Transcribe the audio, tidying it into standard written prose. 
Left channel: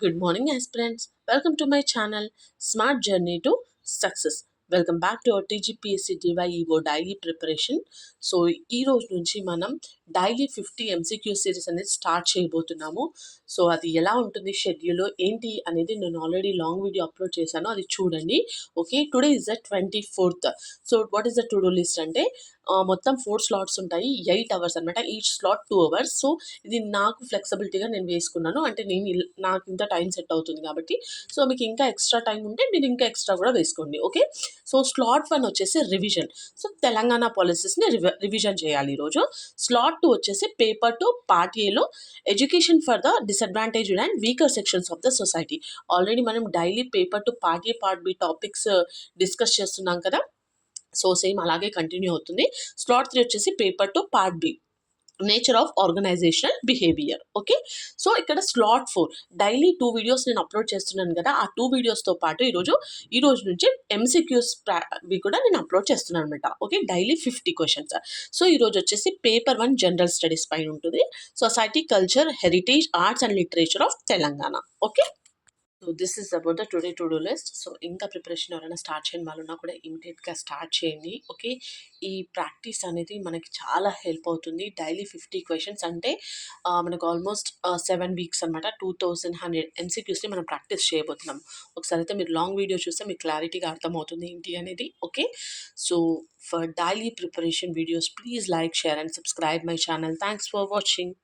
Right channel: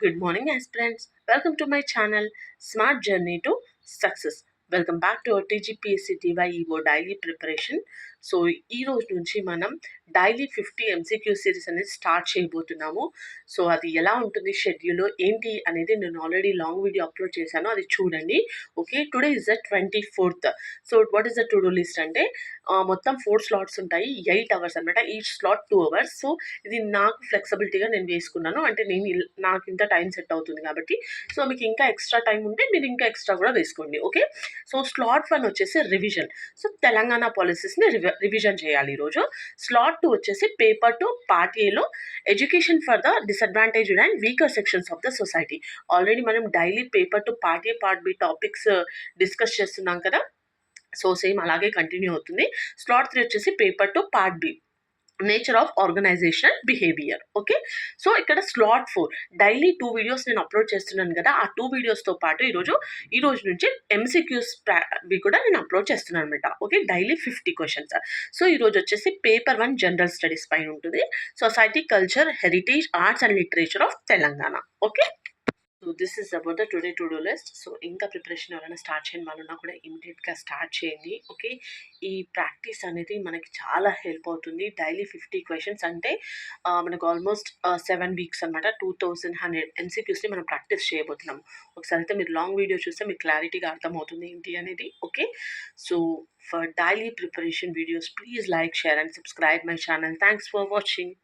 Good morning, aspirants. Welcome to my channel, Smart Journey to Success. Welcome back to our TGPSC DyEO daily preparation. So ఈ రోజు నుంచి మనం daily 50 MCQ series అనేది start చేయబోతున్నాము. So అది ఎలా ఉంటుంది షెడ్యూల్ ఏంటి అనేది నేను ఆల్రెడీ లాంగ్ వీడియో అప్లోడ్ చేశాను, అది చూడండి. Okay, today is the 24th. So what is the to do list అంటే మొత్తం 4 స్లాట్స్ ఉంటాయి, 8 అవర్స్ అనమాట. Each slot 2 hours. సో ఇది నాకు ఫ్లెక్సిబిలిటీగా నేను వేసుకున్నాను, అంటే నాకు ఇంత టైం సెట్ అవుతుంది కాబట్టి. సో మీకు ఇంకా ఎక్స్ట్రా టైం ఉంటే మీరు ఇంకా ఎక్స్ట్రా కూడా వేసుకోండి. ఓకే, సో స్లాట్ 1 వచ్చేసి రివిజన్. సో తెలంగాణ పాలసీస్ని రివిజన్ చేయాలి ఈరోజు. స్లాట్ 2 వచ్చేసి పేపర్ 2 పార్ట్ ఏలో education for the disadvantaged and weaker sections of the society. Already మనం daily paper 2 part A part B topics discuss చేస్తున్నాం కదా. సో సేమ్ అలాగే కంటిన్యూ అవుతుంది. స్లాట్ 3 వచ్చేసి paper 2 part B nature of organizational behaviour. Okay, so ఇక్కడ slot 4 daily 2 videos నేను upload చేస్తున్నాను కదా. ఆ 2 వీడియోస్తో పాటు ఈ రోజు నుంచి ఎంసీక్యూస్ కూడా నేను అప్లోడ్ చేస్తున్నాను అనమాట. Okay, daily 50 questions. సో ఈరోజు వచ్చేసి పేపర్ 1 జనరల్ స్టడీస్ పైన ఉంటుంది, society, culture, heritage, arts and literature of Telangana. Okay, so this is about the today to do list. So ఇంకా ప్రిపరేషన్ ఎవరైనా స్టార్ట్ చేయని వాళ్ళు ఉన్నా కూడా ఇమీడియట్గా స్టార్ట్ చేయండి. ఓకే, ఈ ప్రాక్టీస్ అనేది మనకి చాలా హెల్ప్ అవుతుంది. డైలీ 50 క్వశ్చన్స్ అంటే మనకు ఆల్మోస్ట్ 7 వీక్స్ అనమాట. 2100 ఎంసీక్యూస్ని మనం ప్రాక్టీస్ చేయబోతున్నాం. ఒకసారి అయితే మీరు లాంగ్ వీడియో చూస్తే మీకు క్లారిటీగా అర్థమవుతుంది ఏంటి అనేది. Okay, so for daily preparation videos please like, share and subscribe my channel. Thanks for watching.